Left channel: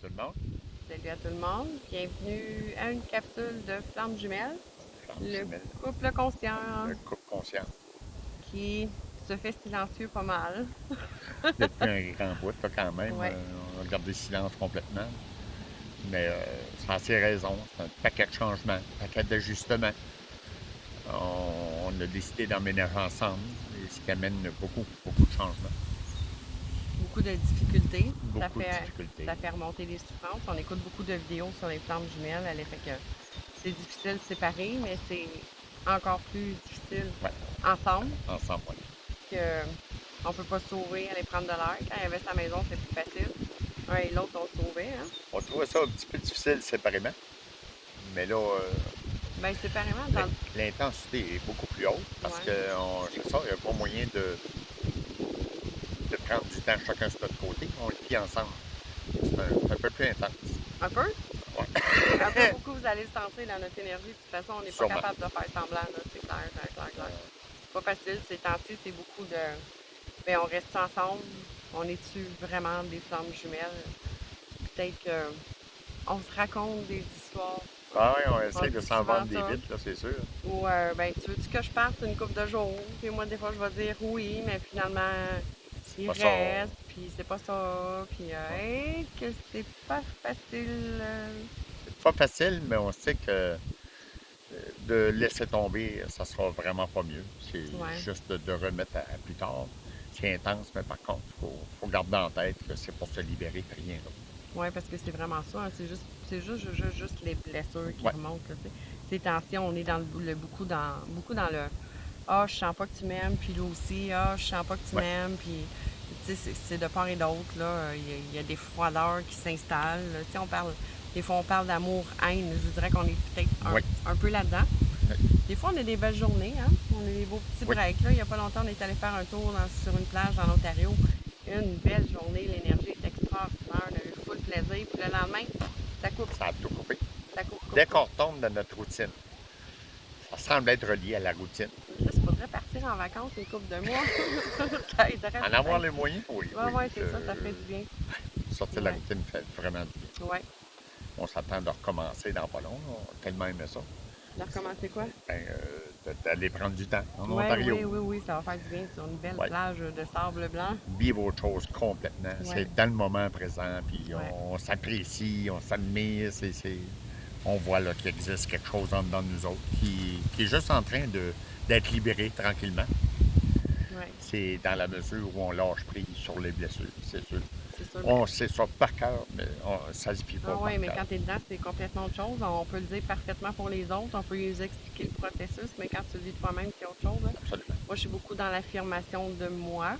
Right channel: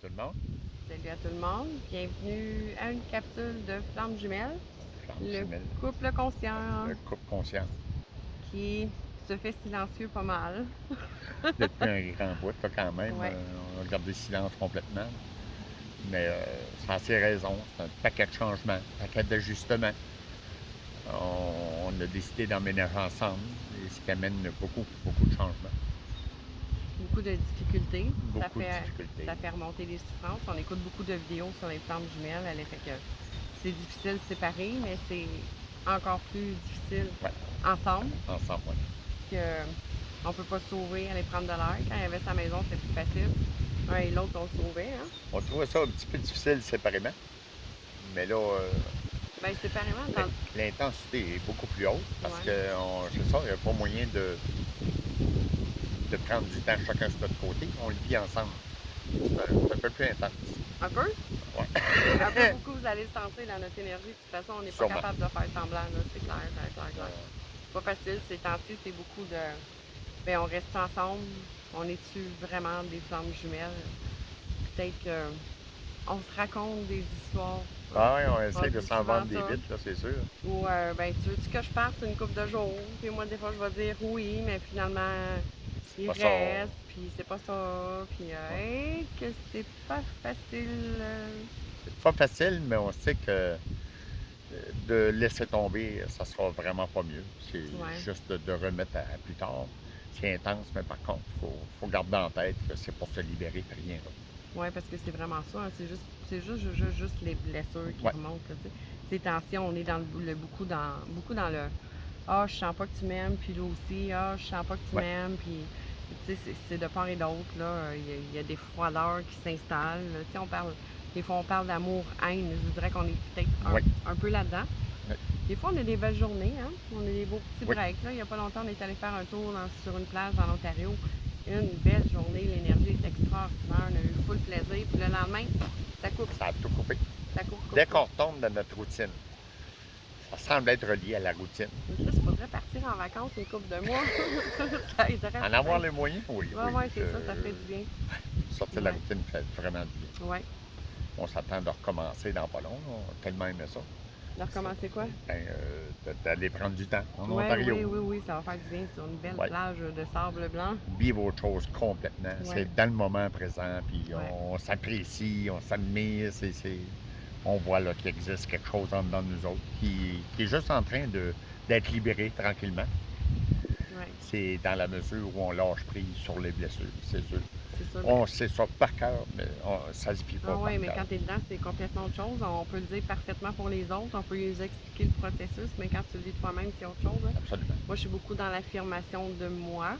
Salut tout le monde. Salut à tout le monde. Bienvenue à une capsule de Flammes Jumelles, Flamme le jumelle, couple conscient le couple conscient. qui se fait silencieux pas mal. Depuis un grand bout, là, quand même, Ouais. on a gardé le silence complètement. Mais ça a ses raisons. C'est un paquet de changements, un paquet d'ajustements. On a décidé d'emménager ensemble, et ce qui amène beaucoup, beaucoup de changements. Beaucoup de difficultés. Ça Beaucoup de fait, difficultés. ça fait remonter les souffrances. On écoute beaucoup de vidéos sur les flammes jumelles. Elle fait que c'est difficile de séparer, mais c'est encore plus difficile Ouais, ensemble. ensemble, ouais. Que on peut pas se sauver, aller prendre de l'air. Quand il reste à la maison, c'est plus facile. Un et l'autre, on se sauvait. Hein? On trouvait ça un petit peu difficile séparément, mais là, Ben, séparément, l'intensité est beaucoup plus haute parce ouais. que je sais, il n'y a pas moyen de prendre du temps chacun sur notre côté. On le vit ensemble. C'est un peu plus intense. Un peu? Un peu Ouais. beaucoup, vous allez le sentir dans notre énergie. De toute façon, on n'est pas Sûrement. capable de faire semblant, là. C'est clair, clair, clair, clair. Pas facile, ces temps-ci, c'est beaucoup de. Ben, on reste ensemble. On est-tu vraiment des flammes jumelles? Peut-être on se raconte des histoires. Ah ouais, on On essaie de dit s'en souvent vendre des ça. bits, là, c'est sûr. Ou, ben, tu veux-tu que je parte une couple de jours? Puis moi, des fois, je vais dire oui, mais finalement, C'est il pas ça. reste, puis c'est pas ça. Puis, Ouais. hey, que c'est pas facile. C'est pas facile, mais on sait que de laisser tomber, ça sera vraiment pas mieux. C'est Ouais. juste de remettre à plus tard. C'est intense, mais par contre, faut garder en tête que c'est pour se libérer, puis rien d'autre. Oui, parce que c'est vraiment ça. Hein. C'est juste les blessures qui Ouais, remontent. Là, ces tensions, on est dans beaucoup dans le ah, je sens pas que tu m'aimes, puis lui aussi, ah, je sens pas que tu ouais, m'aimes, puis tu sais, c'est de part et d'autre. Là, il y a des froideurs qui s'installent. Tu sais, des fois, on parle d'amour-haine. Je dirais qu'on est peut-être ouais, un peu là-dedans. ouais, Des fois, on a des belles journées, hein? On a des beaux petits oui. breaks. Là. Il n'y a pas longtemps, on est allé faire un tour sur une plage dans l'Ontario. Une belle journée, l'énergie est extraordinaire, on a eu full plaisir. Puis le lendemain, ça coupe, Ça a tout coupé. ça coupe, coupe, Dès coupe. qu'on retombe dans notre routine, ça semble être relié à la routine. Il faudrait partir en vacances une couple de mois. Ça aiderait En avoir peut-être. les moyens, oui, Ouais, oui. ouais, c'est ça fait du bien. Sortir de la Ouais, routine fait vraiment du bien. ouais. On s'attend de recommencer dans pas long. On a tellement aimé ça. De recommencer quoi? Ben, d'aller prendre du temps en Ouais, Ontario. oui, oui, oui, ça va faire du bien sur une belle Ouais. plage de sable blanc. Vivre autre chose complètement. Ouais, C'est dans le moment présent, puis ouais. on s'apprécie, on s'admire. On voit là, qu'il existe quelque chose en dedans de nous autres qui est juste en train d'être libéré tranquillement. Ouais, C'est dans la mesure où on lâche prise sur les blessures, c'est sûr. c'est sûr. On sait ça par cœur, mais ça se vit pas Ah par ouais, mais cœur. quand tu es dedans, c'est complètement autre chose. On peut le dire parfaitement pour les autres, on peut les expliquer le processus, mais quand tu le vis toi-même, c'est autre chose. Hein. Absolument. Moi, je suis beaucoup dans l'affirmation de moi.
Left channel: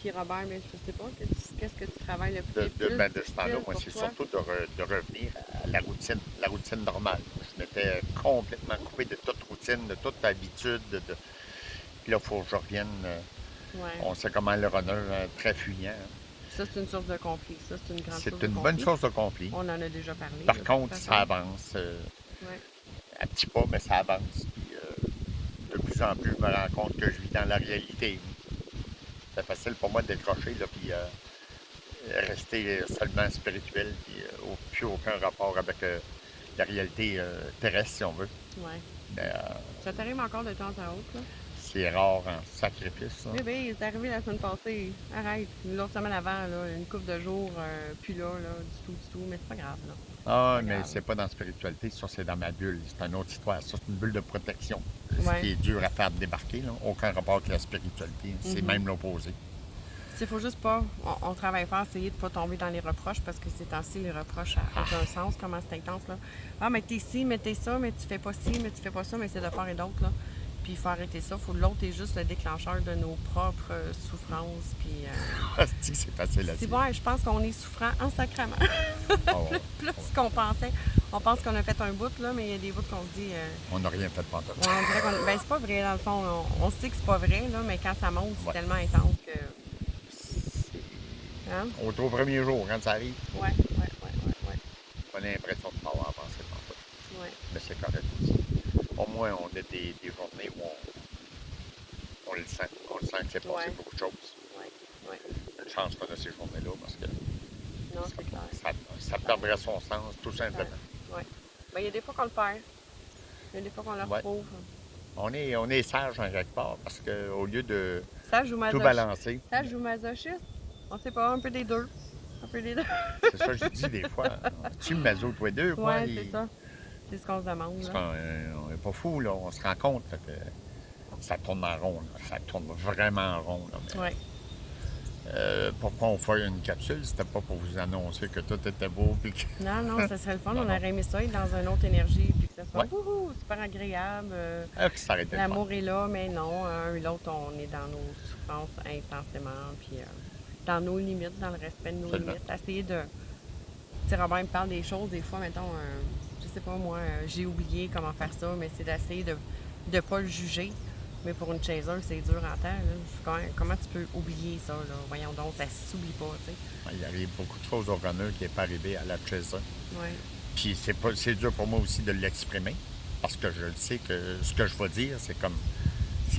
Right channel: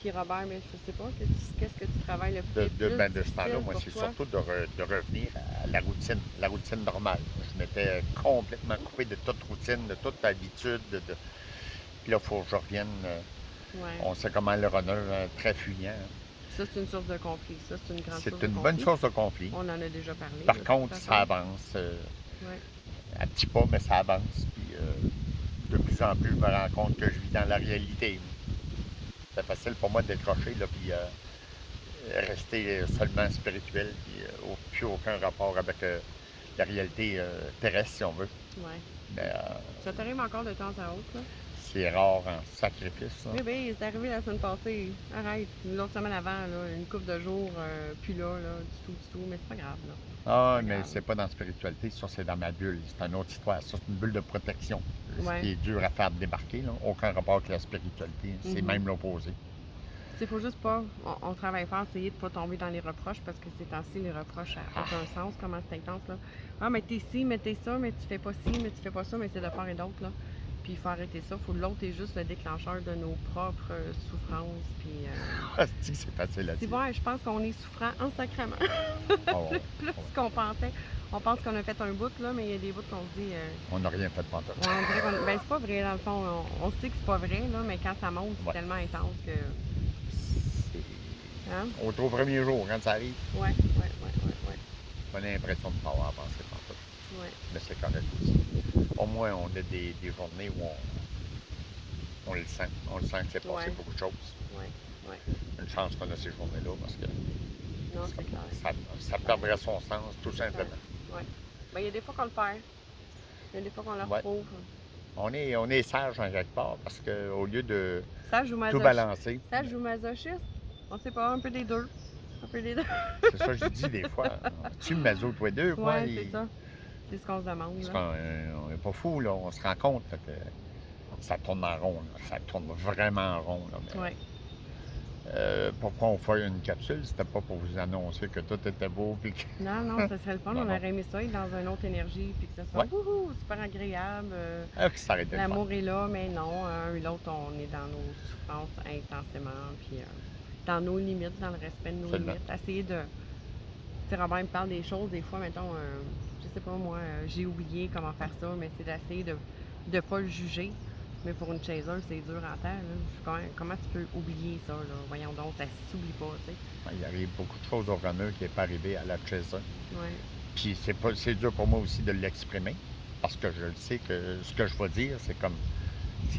Puis Robert, mais je sais pas, qu'est-ce que tu travailles le plus, De ce temps-là, difficile moi, pour c'est toi? surtout de revenir à la routine normale. Je m'étais complètement coupé de toute routine, de toute habitude. Puis là, il faut que je revienne. Ouais. On sait comment le runner très fuyant. Hein. Ça, c'est une source de conflit. Ça, c'est une grande source C'est de une bonne conflit. source de conflit. On en a déjà parlé, Par de toute contre, ça façon. avance Ouais. à petits pas, mais ça avance. Puis de plus en plus, je me rends compte que je vis dans la réalité. C'est facile pour moi de décrocher, là, puis rester seulement spirituel, puis plus aucun rapport avec la réalité terrestre, si on veut. Ouais. Mais Ça t'arrive encore de temps à autre, là? c'est rare en sacrifice. Ça. Bébé, c'est arrivé la semaine passée. Arrête. L'autre semaine avant, là, une couple de jours, puis là, du tout. Mais c'est pas grave, là. C'est Ah, pas mais grave. c'est pas dans la spiritualité, ça c'est dans ma bulle. C'est une autre histoire. Ça, c'est une bulle de protection. Ce Ouais. qui est dur à faire débarquer, là. Aucun rapport avec la spiritualité. C'est même l'opposé. Il faut juste pas. On travaille fort, essayer de pas tomber dans les reproches parce que ces temps-ci, les reproches, ça n'a aucun sens, comment c'est intense, là. Ah, mais t'es ci, mais t'es ça, mais tu fais pas ci, mais tu fais pas ça, mais c'est de part et d'autre, là. Puis il faut arrêter ça. L'autre est juste le déclencheur de nos propres souffrances. Puis. C'est facile à C'est dire. bon, je pense qu'on est souffrant en sacrament. Oh, ouais, Plus ouais. qu'on pensait. On pense qu'on a fait un bout, là, mais il y a des bouts qu'on se dit. On n'a rien fait de pantoute. Ouais, on dirait qu'on. Ben, c'est pas vrai, dans le fond. On sait que c'est pas vrai, là, mais quand ça monte, c'est Ouais. tellement intense que. Hein? Au premier jour, quand ça arrive, Ouais. on a l'impression de ne pas avoir pensé pantoute. Ouais. Mais c'est correct aussi. Au moins, on a des journées où on le sent. On le sent que c'est passé Ouais. beaucoup de choses. Ouais. Une chance qu'on a ces journées-là parce que Non, c'est clair. ça perdrait son sens, tout simplement. Oui. Ben, il y a des fois qu'on le perd. Il y a des fois qu'on le Ouais. retrouve. On est sage en quelque part parce qu'au lieu de Sage ou tout masochiste? balancer, Sage ou masochiste? On sait pas, un peu des deux. Un peu des deux. c'est ça que je dis des fois. Tu me maso tous les deux, quoi. Ouais, c'est ça. C'est ce qu'on se demande. Parce Là. qu'on n'est pas fou, là. On se rend compte là, que ça tourne en rond. Là. Ça tourne vraiment en rond. Là. Mais, Ouais. pourquoi on fait une capsule? C'était pas pour vous annoncer que tout était beau. Puis que... Non, non, ça serait le fun. Non, On non. aurait aimé ça être dans une autre énergie, puis que ça soit Ouais. wouhou, super agréable. que ça aurait été le fun. L'amour est là, mais non, un et l'autre, on est dans nos souffrances intensément, puis dans nos limites, dans le respect de nos Absolument. limites. Essayer de. Tu sais, Robert me parle des choses, des fois, mettons, je sais pas moi, j'ai oublié comment faire ça, mais c'est d'essayer de ne pas le juger. Mais pour une chaiseuse, c'est dur en temps. Là. Comment tu peux oublier ça? Là? Voyons donc, ça s'oublie pas, tu sais. Il arrive beaucoup de choses au runner qui n'est pas arrivé à la chaise. Ouais. Puis c'est dur pour moi aussi de l'exprimer parce que je le sais que ce que je vais dire, c'est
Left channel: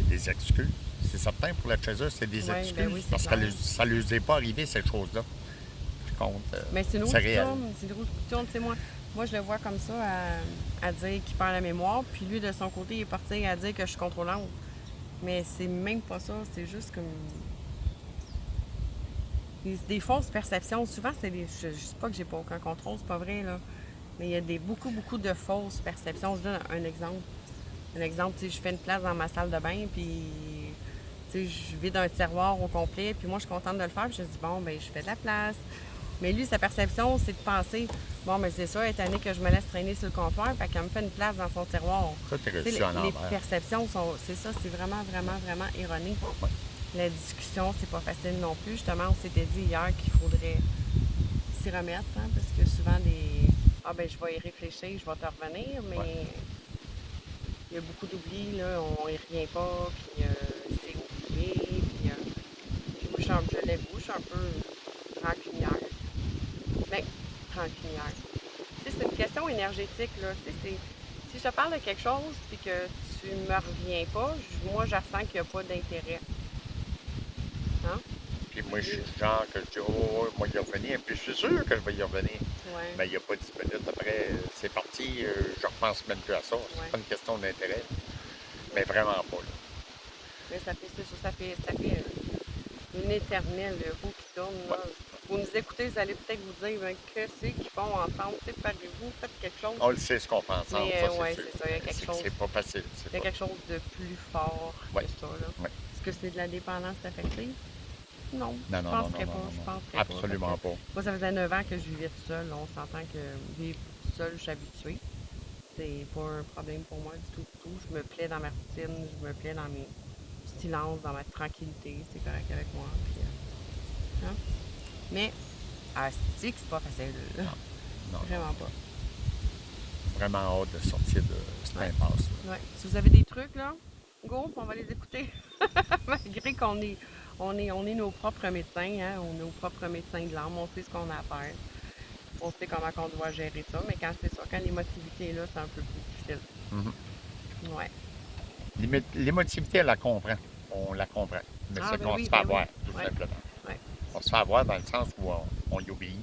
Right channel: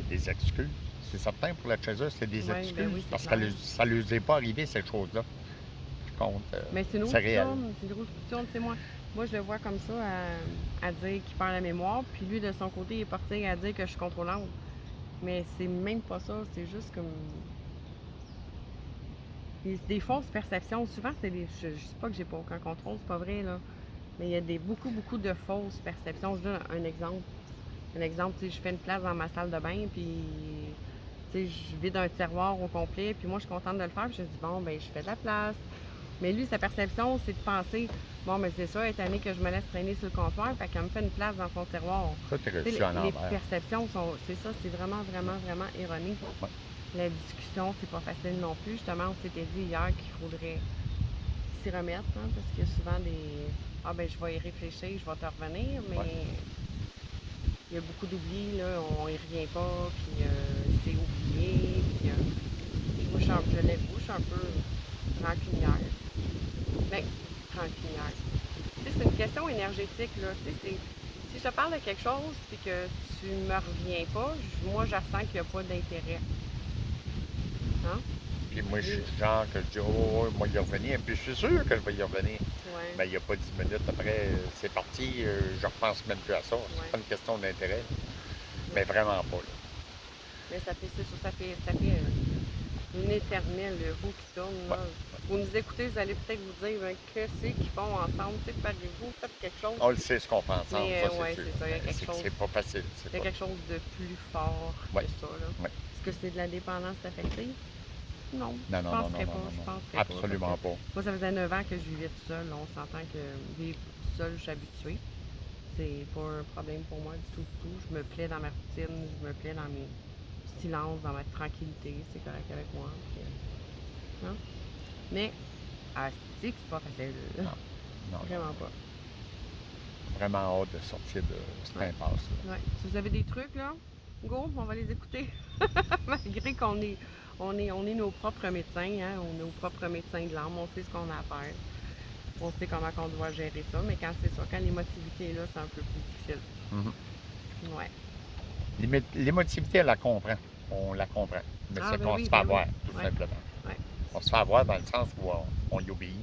des excuses. C'est certain pour la chaise, c'est des Ouais, excuses ben oui, c'est parce clair. que ça ne lui est pas arrivé, cette chose-là. Par contre, Mais c'est une roue c'est qui réel. tourne, c'est une roue qui tourne, tu sais, moi je le vois comme ça, à dire qu'il perd la mémoire, puis lui, de son côté, il est parti à dire que je suis contrôlante. Mais c'est même pas ça, c'est juste comme... Des fausses perceptions, souvent, c'est des... Je sais pas que j'ai pas aucun contrôle, c'est pas vrai, là. Mais il y a beaucoup de fausses perceptions. Je donne un exemple. Un exemple, tu sais, je fais une place dans ma salle de bain, puis... Tu sais, je vide un tiroir au complet, puis moi, je suis contente de le faire, puis je me dis, bon, ben je fais de la place. Mais lui, sa perception, c'est de penser, bon, mais c'est ça, étant donné que je me laisse traîner sur le comptoir, fait qu'elle me fait une place dans son tiroir. Ça, t'es Tu sais, reçu en les envers. perceptions sont, c'est ça, c'est vraiment ironique. Ouais. La discussion, c'est pas facile non plus. Justement, on s'était dit hier qu'il faudrait s'y remettre, hein, parce que souvent ah ben je vais y réfléchir, je vais te revenir, mais Ouais. il y a beaucoup d'oubli, là, on y revient pas, puis c'est oublié, puis moi, je l'avoue, je suis un peu rancunière. Ben, rancunière. Tu sais, c'est une question énergétique, là. Tu sais, si je te parle de quelque chose puis que tu ne me reviens pas, moi, je sens qu'il n'y a pas d'intérêt. Hein? Puis moi, je suis le genre que je dis, oh, moi, y revenir. Puis je suis sûr que je vais y revenir. Ouais. Mais il n'y a pas 10 minutes après, c'est parti, je repense même plus à ça. C'est Ouais. pas une question d'intérêt. Mais vraiment pas, là. Mais ça fait une éternelle roue qui tourne. Là. Ouais. Vous nous écoutez, vous allez peut-être vous dire, ben, qu'est-ce qu'ils font ensemble? Parlez-vous, faites quelque chose. On le sait ce qu'on fait ensemble, Mais, ça, c'est ouais, sûr. c'est ça, il y a quelque chose. C'est pas facile. Il y a quelque chose de plus fort Ouais. que ça. Là. Ouais. Est-ce que c'est de la dépendance affective? Non. Non, Je non, penserais non, pas, non, je non. penserais Absolument parce que pas. Moi, ça faisait 9 ans que je vivais toute seule. On s'entend que vivre toute seule, je suis habituée. C'est pas un problème pour moi du tout, du tout. Je me plais dans ma routine, je me plais dans mes silences, dans ma tranquillité. C'est correct avec moi. Puis, hein? Mais, c'est pas facile. Non, Vraiment pas. vraiment hâte de sortir de cette Ouais. impasse-là. Ouais. Si vous avez des trucs, là, go, on va les écouter. Malgré qu'on est, on est nos propres médecins, hein? On est nos propres médecins de l'âme, on sait ce qu'on a à faire. On sait comment on doit gérer ça, mais quand c'est ça, quand l'émotivité est là, c'est un peu plus difficile. Mhm. Ouais. L'émotivité, elle la comprend. On la comprend. Mais Ah, c'est ben qu'on oui, se fait ben avoir, oui. tout Ouais. simplement. Ouais. On se fait avoir dans le sens où on y obéit.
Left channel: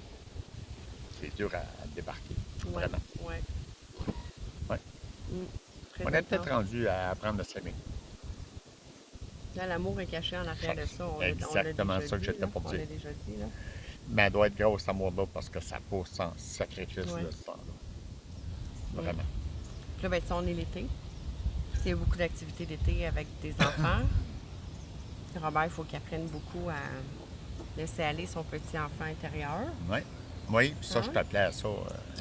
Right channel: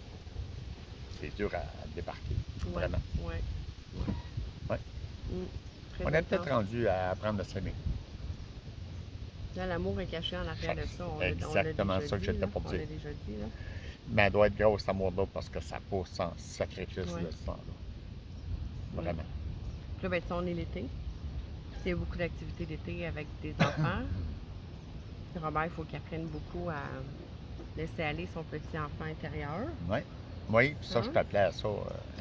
C'est dur à débarquer. Ouais. Vraiment. Ouais. Ouais. Très On est peut-être intense. rendu à apprendre à s'aimer. Là, l'amour est caché en arrière de ça. On Exactement l'a déjà ça que dit, j'étais là. pour On dire. l'a déjà dit, là. Mais elle doit être grosse, cet amour-là, parce que ça pousse en sacrifice Ouais. de ce temps-là. Vraiment. Puis là, ben, ça, on est l'été. Il y a beaucoup d'activités d'été avec des enfants. Robert, il faut qu'il apprenne beaucoup à laisser aller son petit enfant intérieur. Oui. Oui, puis ça, Hein? je t'appelais à ça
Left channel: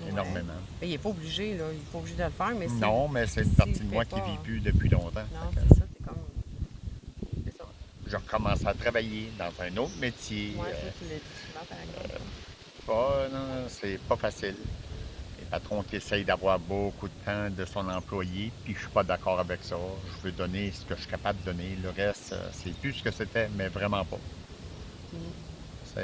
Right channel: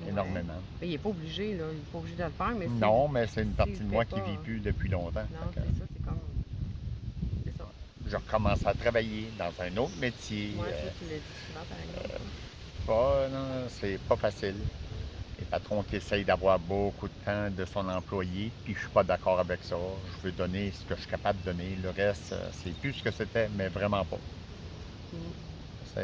énormément. Mais il n'est pas obligé, là. Il n'est pas obligé de le faire, mais Non, mais c'est une s'il partie de le moi fait qui pas, ne vit plus depuis longtemps. Non, Fait que c'est ça, c'est comme... C'est ça. je recommence à travailler dans un autre métier. Moi, ça, tu l'as dit souvent, par exemple. Non, c'est pas facile. Les patrons qui essayent d'avoir beaucoup de temps de son employé, puis je suis pas d'accord avec ça. Je veux donner ce que je suis capable de donner. Le reste, c'est plus ce que c'était, mais vraiment pas.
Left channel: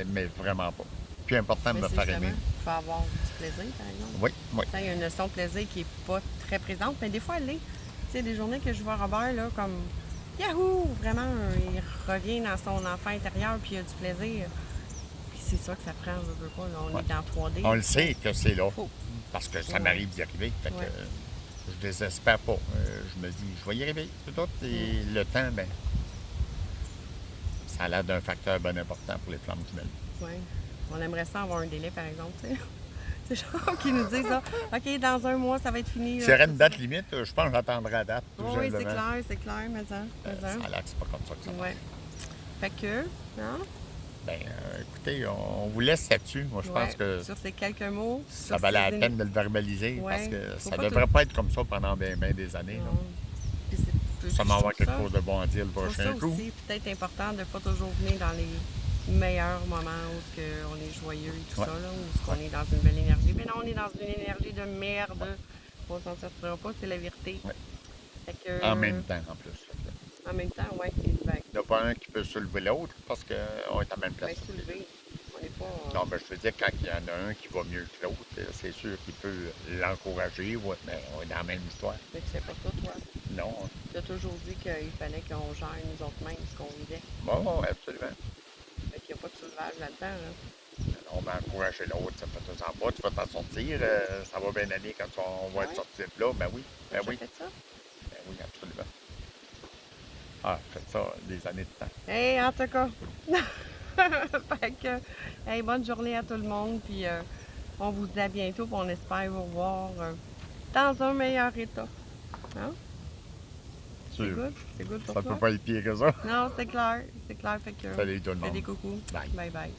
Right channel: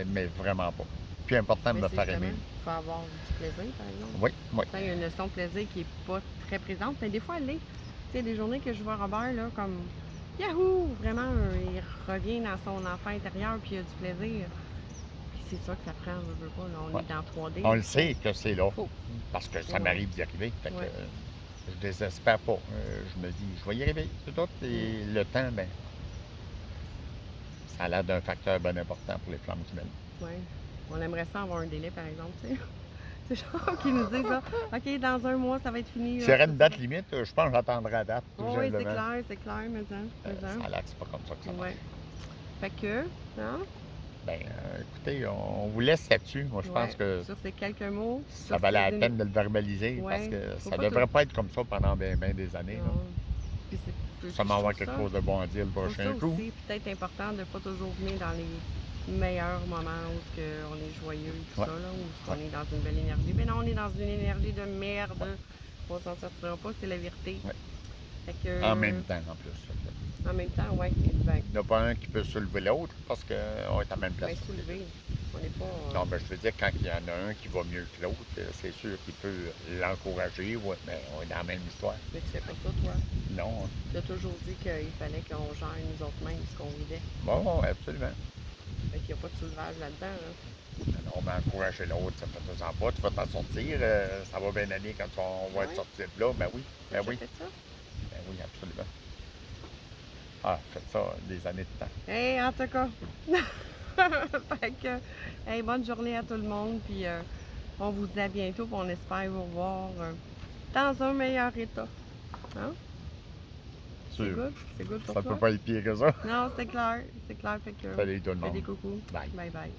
Mais vraiment pas. Plus important de Mais me c'est faire justement, aimer. il faut avoir du plaisir, par exemple. Oui, oui. Il y a une notion de plaisir qui n'est pas très présente, mais des fois, elle l'est. Tu sais, des journées que je vois Robert, là, comme Yahoo! Vraiment, il revient dans son enfant intérieur, puis il a du plaisir. Puis c'est ça que ça prend, je veux pas. Là, on Ouais. est dans 3D. On le sait que c'est là, Faut. parce que ça Ouais. m'arrive d'y arriver. Fait que Ouais. je désespère pas. Je me dis, je vais y arriver. C'est tout. Et le temps, ben, ça a l'air d'un facteur bien important pour les flammes jumelles. Ouais. On aimerait ça avoir un délai, par exemple, tu sais. C'est genre qui nous disent ça. OK, dans un mois, ça va être fini. S'il y aurait une date limite, je pense que j'attendrai la date, tout Oui, c'est simplement. clair, mais ça. Ça a l'air que c'est pas comme ça que ça marche. Ouais. Fait que, hein? Ben, écoutez, on vous laisse là-dessus. Moi, je pense Ouais. que Sur ces quelques mots. ça sur valait ces la peine de le verbaliser Ouais. parce que Faut ça pas devrait tout- pas être comme ça pendant bien des années. là. Non. Puis puis Ça je m'en va trouve quelque ça- chose de bon à dire le je trouve prochain ça coup. aussi peut-être important de ne pas toujours venir dans les meilleurs moments où on est joyeux et tout Ouais. ça, là, où on est dans une belle énergie. Mais non, on est dans une énergie de merde. On s'en sortira pas, c'est la vérité. Ouais. Fait que, En même temps, en plus. Fait que En même temps, oui. Ben, il n'y en a pas un qui peut soulever l'autre parce qu'on est à la même place. soulever. On n'est pas. Non, mais je veux dire, quand il y en a un qui va mieux que l'autre, c'est sûr qu'il peut l'encourager, ouais, mais on est dans la même histoire. Mais tu fais pas ça, toi. Non. Tu as toujours dit qu'il fallait qu'on gère nous autres mêmes ce qu'on vivait. Bon, absolument. Fait qu'il n'y a pas de soulevage là-dedans. Là. Non, mais encourager l'autre, ça fait deux ans pas, tu vas t'en sortir, ça va bien aller quand on va être Ouais. sorti de là, ben oui, ben T'as oui, fait ça? ben oui, absolument. Ah, faites ça des années de temps. Hey, en tout cas. Fait que, hey, bonne journée à tout le monde. Puis on vous dit à bientôt. Puis on espère vous revoir dans un meilleur état. Hein? C'est Sûr. good? C'est good pour Ça toi? peut pas être pire que ça. Non, c'est clair. C'est clair. Fait que. Salut tout le Fais monde. des coucous. Bye. Bye bye.